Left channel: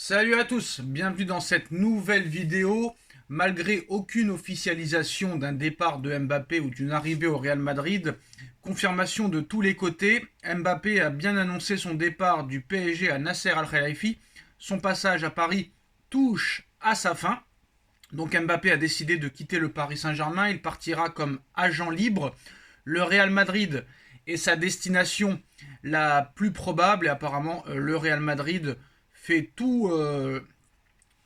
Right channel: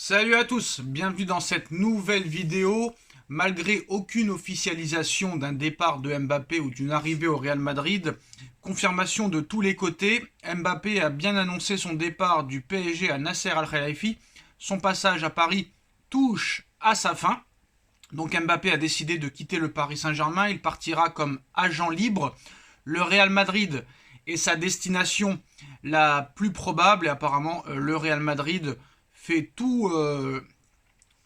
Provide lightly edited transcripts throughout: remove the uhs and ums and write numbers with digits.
Salut à tous, bienvenue dans cette nouvelle vidéo. Malgré aucune officialisation d'un départ de Mbappé ou d'une arrivée au Real Madrid, confirmation de tous les côtés, Mbappé a bien annoncé son départ du PSG à Nasser Al-Khelaifi. Son passage à Paris touche à sa fin. Donc Mbappé a décidé de quitter le Paris Saint-Germain, il partira comme agent libre. Le Real Madrid est sa destination la plus probable et apparemment le Real Madrid fait tout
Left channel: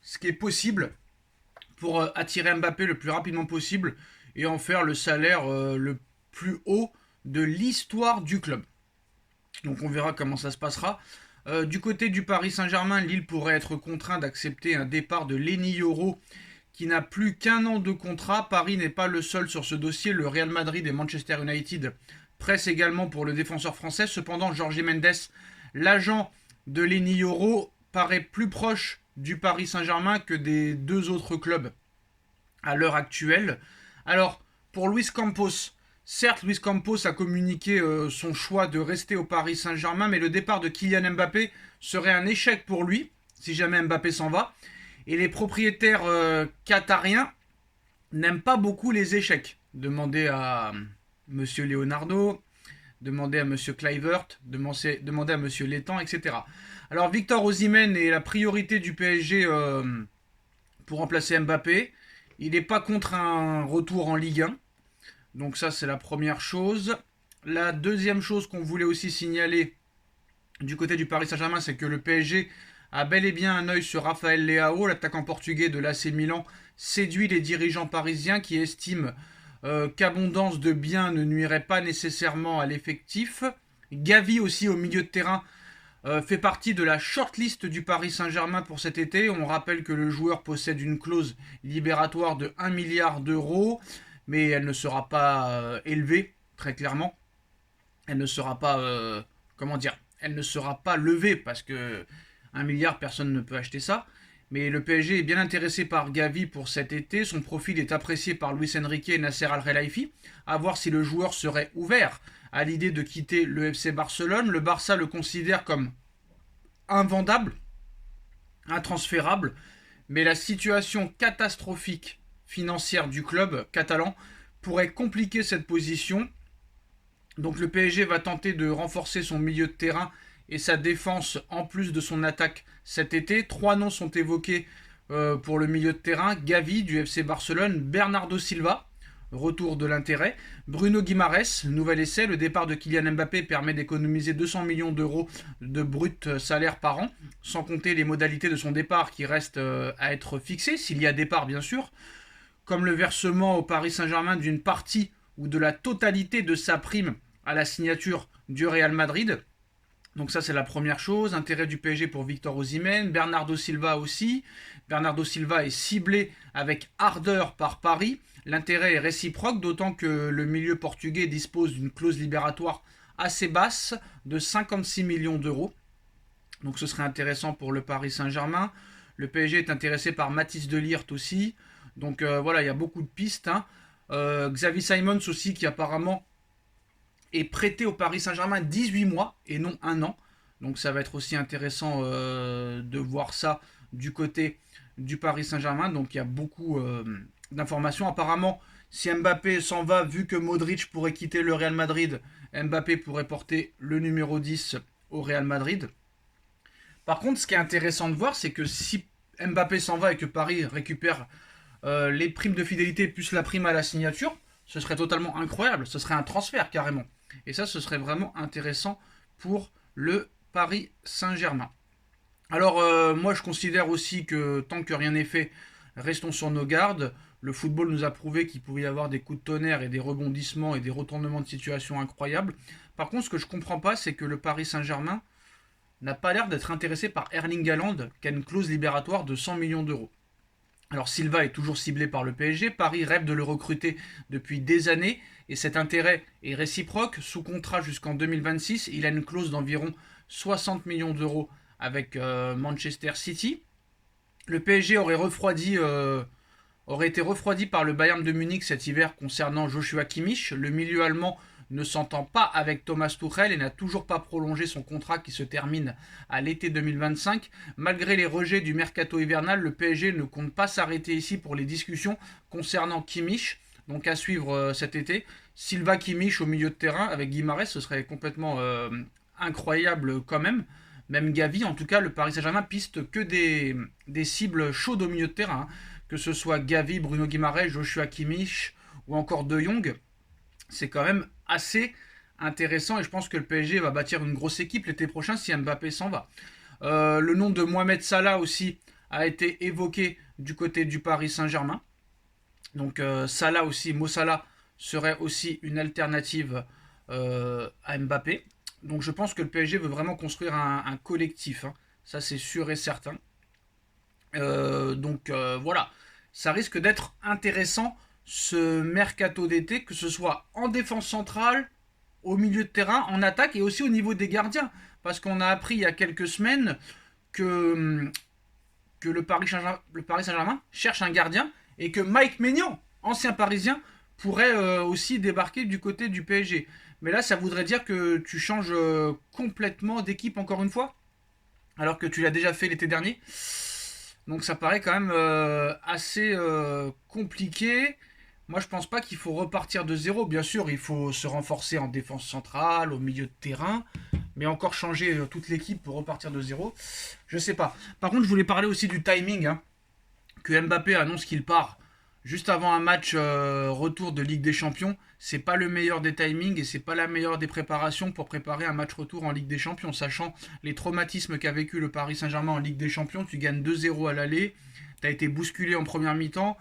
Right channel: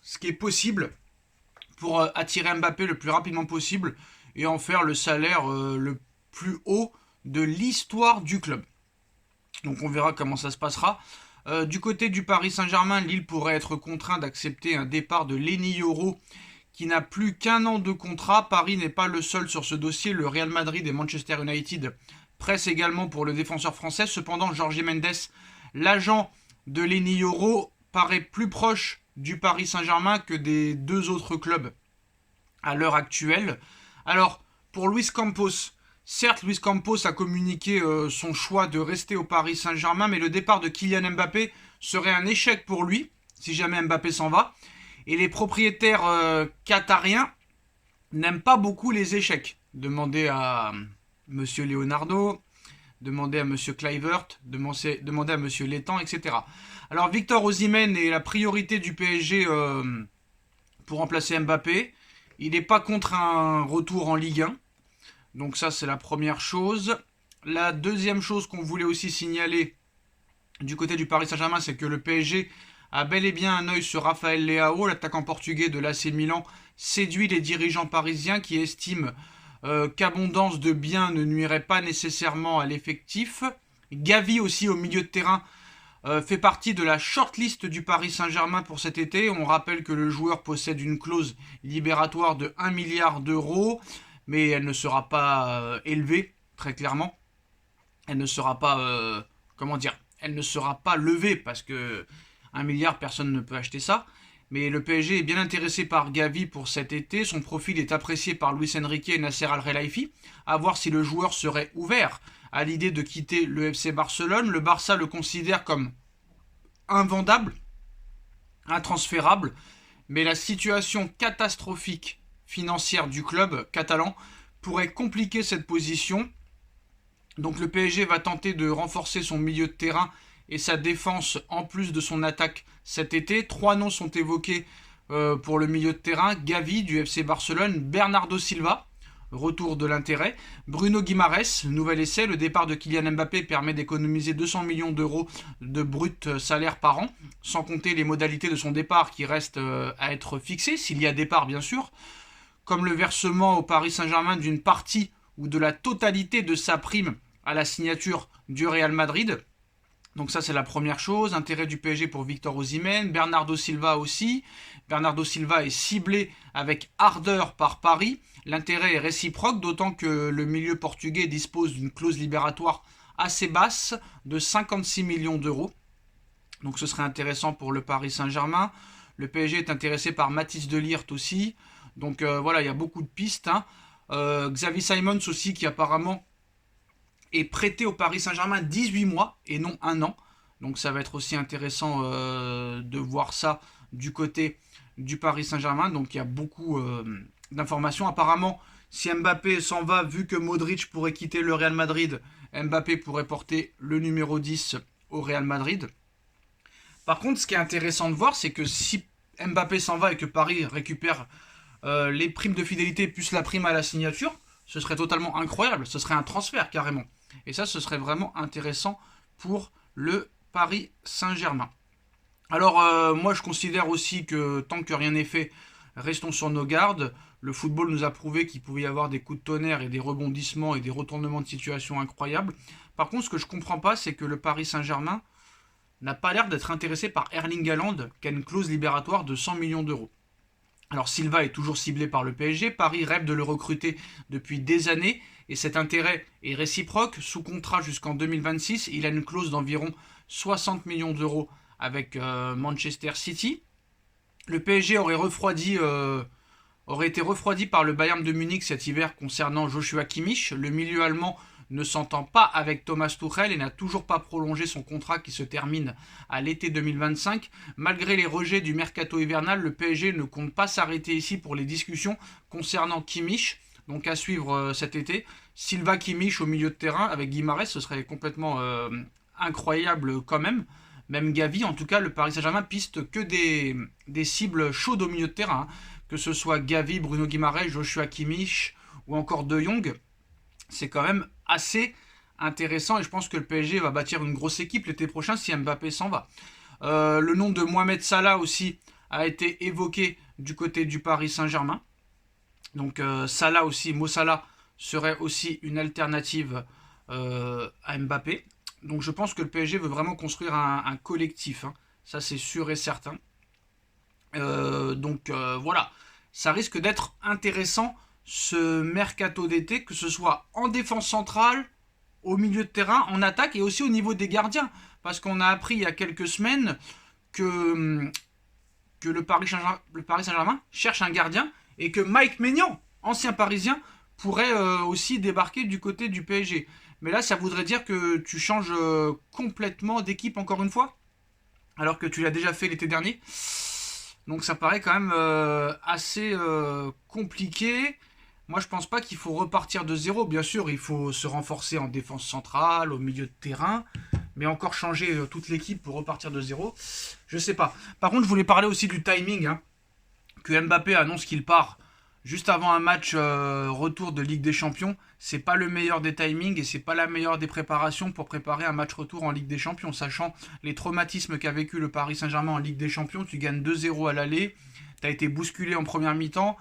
ce qui est possible pour attirer Mbappé le plus rapidement possible et en faire le salaire le plus haut de l'histoire du club. Donc on verra comment ça se passera. Du côté du Paris Saint-Germain, Lille pourrait être contraint d'accepter un départ de Lenny Yoro qui n'a plus qu'un an de contrat. Paris n'est pas le seul sur ce dossier. Le Real Madrid et Manchester United pressent également pour le défenseur français. Cependant, Jorge Mendes, l'agent de Lenny Yoro, paraît plus proche du Paris Saint-Germain que des deux autres clubs à l'heure actuelle. Alors, pour Luis Campos, certes, Luis Campos a communiqué son choix de rester au Paris Saint-Germain, mais le départ de Kylian Mbappé serait un échec pour lui, si jamais Mbappé s'en va. Et les propriétaires qatariens n'aiment pas beaucoup les échecs. Demandez à Monsieur Leonardo, demandez à Monsieur Kluivert, demandez à Monsieur Létang, etc. Alors Victor Osimhen est la priorité du PSG pour remplacer Mbappé. Il n'est pas contre un retour en Ligue 1. Donc ça, c'est la première chose. La deuxième chose qu'on voulait aussi signaler du côté du Paris Saint-Germain, c'est que le PSG a bel et bien un œil sur Rafael Leao, l'attaquant portugais de l'AC Milan, séduit les dirigeants parisiens qui estiment qu'abondance de biens ne nuirait pas nécessairement à l'effectif. Gavi aussi au milieu de terrain fait partie de la shortlist du Paris Saint-Germain pour cet été. On rappelle que le joueur possède une clause libératoire de 1 milliard d'euros, mais elle ne sera pas élevée, très clairement. Elle ne sera pas, elle ne sera pas levée parce que 1 milliard, personne ne peut acheter ça. Mais le PSG est bien intéressé par Gavi pour cet été. Son profil est apprécié par Luis Enrique et Nasser Al-Khelaifi. À voir si le joueur serait ouvert à l'idée de quitter le FC Barcelone. Le Barça le considère comme invendable, intransférable. Mais la situation catastrophique financière du club catalan pourrait compliquer cette position. Donc le PSG va tenter de renforcer son milieu de terrain et sa défense en plus de son attaque cet été. 3 noms sont évoqués pour le milieu de terrain. Gavi du FC Barcelone, Bernardo Silva, retour de l'intérêt, Bruno Guimaraes, nouvel essai. Le départ de Kylian Mbappé permet d'économiser 200 millions d'euros de brut salaire par an, sans compter les modalités de son départ qui restent à être fixées, s'il y a départ bien sûr, comme le versement au Paris Saint-Germain d'une partie ou de la totalité de sa prime à la signature du Real Madrid. Donc ça, c'est la première chose. Intérêt du PSG pour Victor Osimhen. Bernardo Silva aussi. Bernardo Silva est ciblé avec ardeur par Paris. L'intérêt est réciproque, d'autant que le milieu portugais dispose d'une clause libératoire assez basse de 56 millions d'euros. Donc ce serait intéressant pour le Paris Saint-Germain. Le PSG est intéressé par Mathys de Ligt aussi. Donc voilà, il y a beaucoup de pistes. Xavi Simons aussi, qui apparemment est prêté au Paris Saint-Germain 18 mois et non 1 an. Donc ça va être aussi intéressant de voir ça du côté du Paris Saint-Germain. Donc il y a beaucoup d'informations. Apparemment, si Mbappé s'en va, vu que Modric pourrait quitter le Real Madrid, Mbappé pourrait porter le numéro 10 au Real Madrid. Par contre, ce qui est intéressant de voir, c'est que si Mbappé s'en va et que Paris récupère les primes de fidélité plus la prime à la signature, ce serait totalement incroyable. Ce serait un transfert carrément. Et ça, ce serait vraiment intéressant pour le Paris Saint-Germain. Alors, moi, je considère aussi que tant que rien n'est fait, restons sur nos gardes. Le football nous a prouvé qu'il pouvait y avoir des coups de tonnerre et des rebondissements et des retournements de situation incroyables. Par contre, ce que je ne comprends pas, c'est que le Paris Saint-Germain n'a pas l'air d'être intéressé par Erling Haaland, qui a une clause libératoire de 100 millions d'euros. Alors Silva est toujours ciblé par le PSG, Paris rêve de le recruter depuis des années et cet intérêt est réciproque. Sous contrat jusqu'en 2026, il a une clause d'environ 60 millions d'euros avec Manchester City. Le PSG aurait été refroidi par le Bayern de Munich cet hiver concernant Joshua Kimmich. Le milieu allemand ne s'entend pas avec Thomas Tuchel et n'a toujours pas prolongé son contrat qui se termine à l'été 2025. Malgré les rejets du mercato hivernal, le PSG ne compte pas s'arrêter ici pour les discussions concernant Kimmich, donc à suivre cet été. Silva Kimmich au milieu de terrain avec Guimarães, ce serait complètement incroyable quand même. Même Gavi, en tout cas, le Paris Saint-Germain piste que des cibles chaudes au milieu de terrain. Que ce soit Gavi, Bruno Guimarães, Joshua Kimmich ou encore De Jong. C'est quand même assez intéressant et je pense que le PSG va bâtir une grosse équipe l'été prochain si Mbappé s'en va. Le nom de Mohamed Salah aussi a été évoqué du côté du Paris Saint-Germain. Donc Salah aussi, Mo Salah serait aussi une alternative à Mbappé. Donc je pense que le PSG veut vraiment construire un collectif. Hein. Ça c'est sûr et certain. Voilà, ça risque d'être intéressant ce mercato d'été, que ce soit en défense centrale, au milieu de terrain, en attaque et aussi au niveau des gardiens. Parce qu'on a appris il y a quelques semaines que le Paris Saint-Germain cherche un gardien et que Mike Maignan, ancien Parisien, pourrait aussi débarquer du côté du PSG. Mais là, ça voudrait dire que tu changes complètement d'équipe encore une fois, alors que tu l'as déjà fait l'été dernier. Donc ça paraît quand même assez compliqué. Moi, je pense pas qu'il faut repartir de zéro. Bien sûr, il faut se renforcer en défense centrale, au milieu de terrain, mais encore changer toute l'équipe pour repartir de zéro, je sais pas. Par contre, je voulais parler aussi du timing, hein, que Mbappé annonce qu'il part juste avant un match retour de Ligue des Champions. C'est pas le meilleur des timings et c'est pas la meilleure des préparations pour préparer un match retour en Ligue des Champions, sachant les traumatismes qu'a vécu le Paris Saint-Germain en Ligue des Champions. Tu gagnes 2-0 à l'aller, tu as été bousculé en première mi-temps,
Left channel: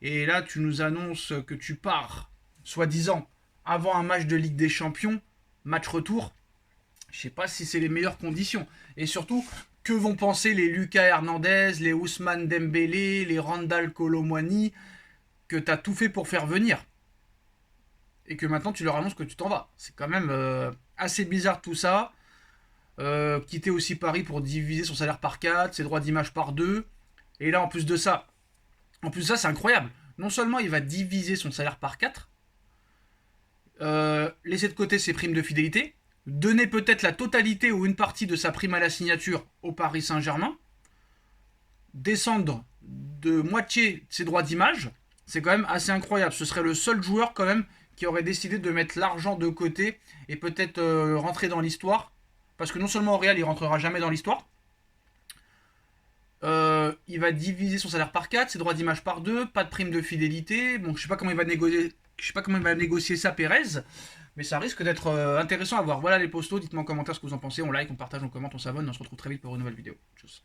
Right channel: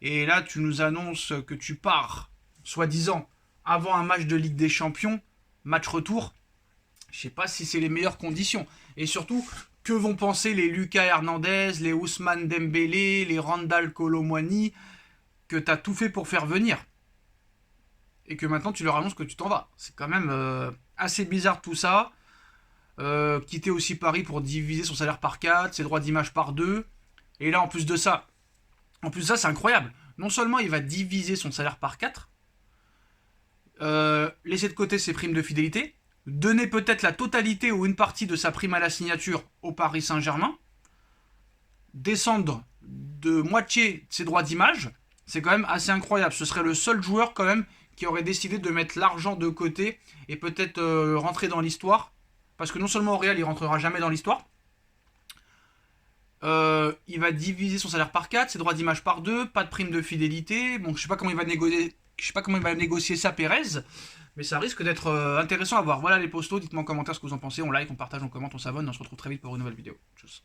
et là tu nous annonces que tu pars, soi-disant, avant un match de Ligue des Champions, match retour. Je sais pas si c'est les meilleures conditions. Et surtout, que vont penser les Lucas Hernandez, les Ousmane Dembélé, les Randal Kolo Muani, que tu as tout fait pour faire venir et que maintenant tu leur annonces que tu t'en vas. C'est quand même assez bizarre tout ça. Quitter aussi Paris pour diviser son salaire par 4, ses droits d'image par 2. Et là, en plus de ça, c'est incroyable. Non seulement il va diviser son salaire par 4, laisser de côté ses primes de fidélité, donner peut-être la totalité ou une partie de sa prime à la signature au Paris Saint-Germain, descendre de moitié ses droits d'image, c'est quand même assez incroyable. Ce serait le seul joueur quand même qui aurait décidé de mettre l'argent de côté et peut-être rentrer dans l'histoire. Parce que non seulement au Real, il rentrera jamais dans l'histoire, il va diviser son salaire par 4, ses droits d'image par 2, pas de prime de fidélité. Bon, je sais pas comment il va négocier ça, Pérez, mais ça risque d'être intéressant à voir. Voilà les postos, dites-moi en commentaire ce que vous en pensez, on like, on partage, on commente, on s'abonne, on se retrouve très vite pour une nouvelle vidéo. Tchuss.